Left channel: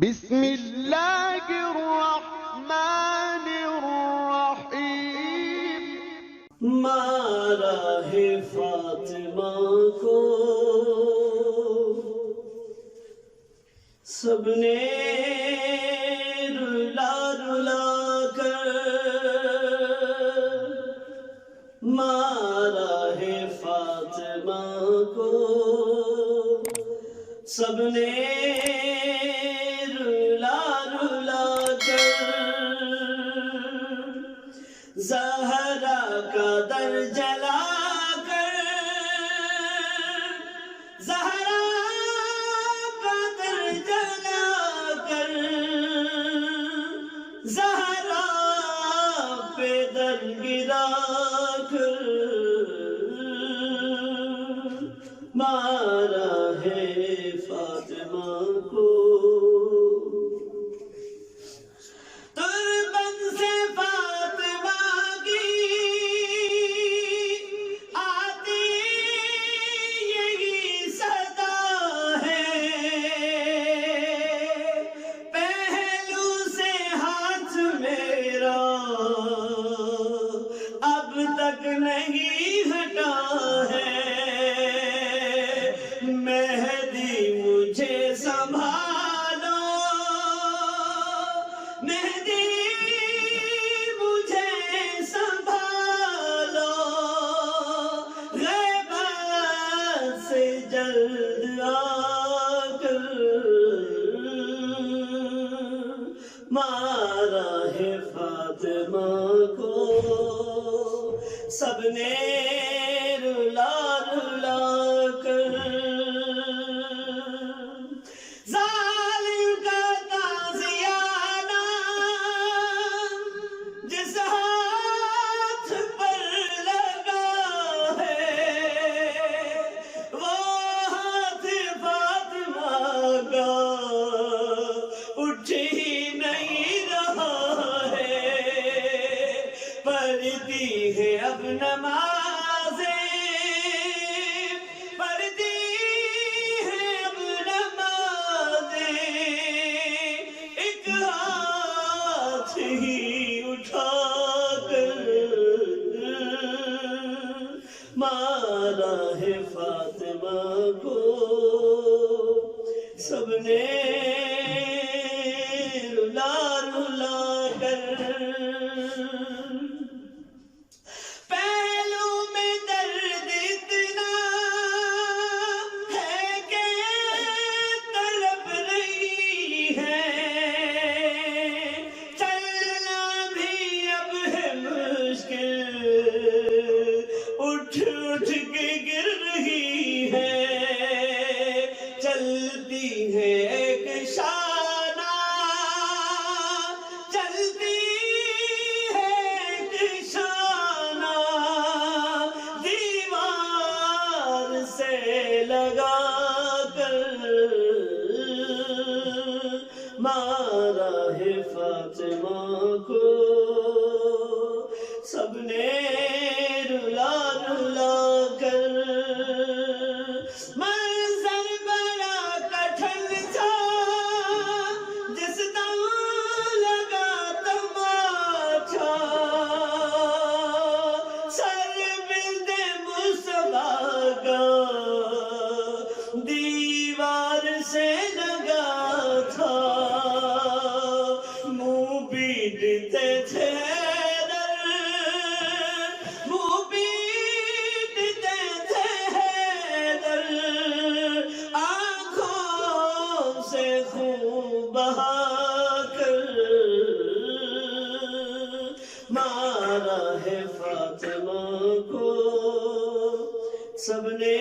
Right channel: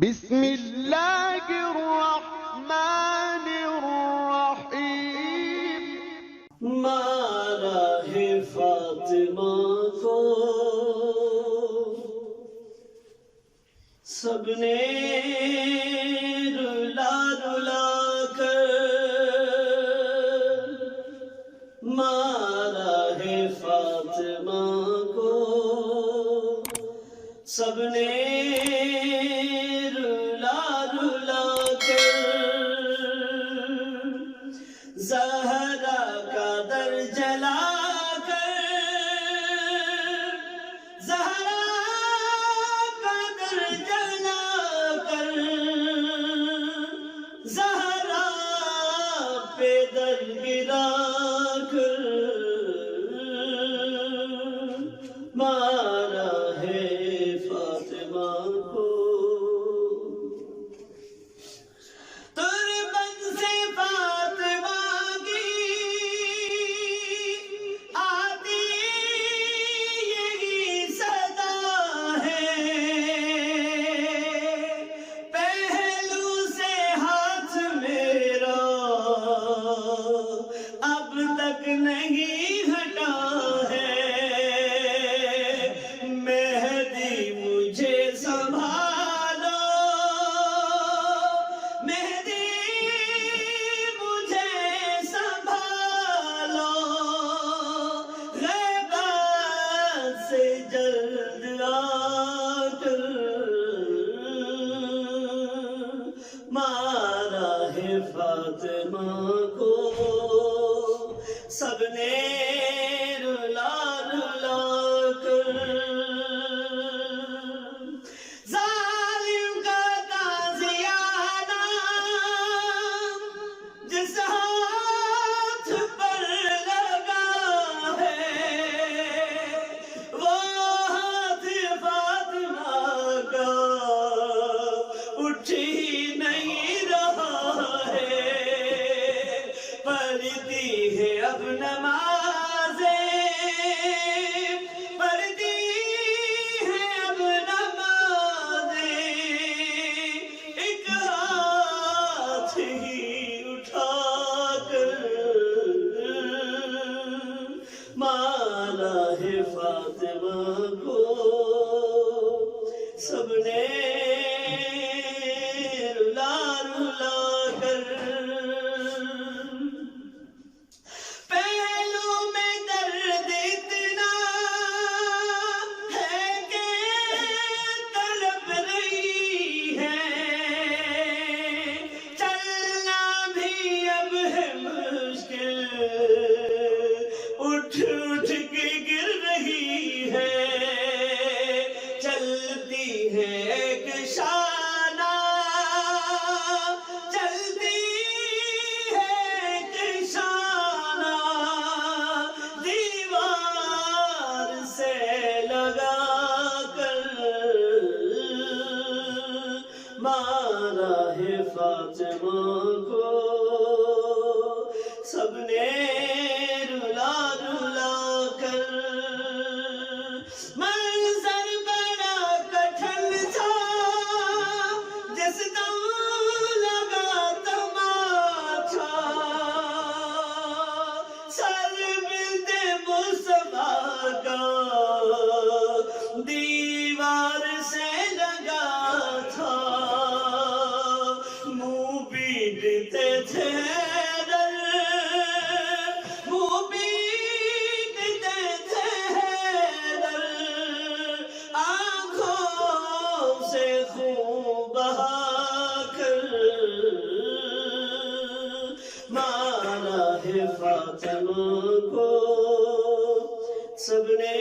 بسم اللہ الرحمن الرحیم۔ مارا ہے فاطمہ کو سب نے رلا رلا کر، مارا ہے فاطمہ کو سب نے رلا رلا کر، زہرا کا در جلا کر، زہرا کا در جلا کر، زہرا پہ در گرا کر، مارا ہے فاطمہ کو۔ تربت سے فاطمہ کی آتی یہی صدا ہے، پہلو سے ہاتھ میرا اب تک نہیں ہٹا ہے، مہدی مجھے سنبھالو، مہدی مجھے سنبھالو، غیبت سے جلد آ کر، مارا ہے فاطمہ کو سب نے رلا رلا کر، ظالم کا تازیانہ جس ہاتھ پر لگا ہے، وہ ہاتھ فاطمہ کا اٹھ ہی نہیں رہا ہے، پڑھتی ہے اب نمازیں، پڑھتی ہے اب نمازیں، ایک ہاتھ ہی اٹھا کر، مارا ہے فاطمہ کو سب نے رلا رلا کر، پہلو میں درد اتنا ہے کہ تڑپ رہی ہے، چلنا بھی اب ہے مشکل، اٹھ اٹھ کے گر رہی ہے، چلتی ہے ایک شانہ، چلتی ہے ایک شانہ، دیوار سے لگا کر، مارا ہے فاطمہ کو سب نے رلا رلا کر، منظر بڑا کٹھن تھا جس دم لگا تماچا، سر بند مصطفیٰ کا دیوار سے لگا تھا، منہ پیٹتے تھے حیدر، منہ پیٹتے تھے حیدر، آنکھوں سے خون بہا کر، مارا ہے فاطمہ کو سب نے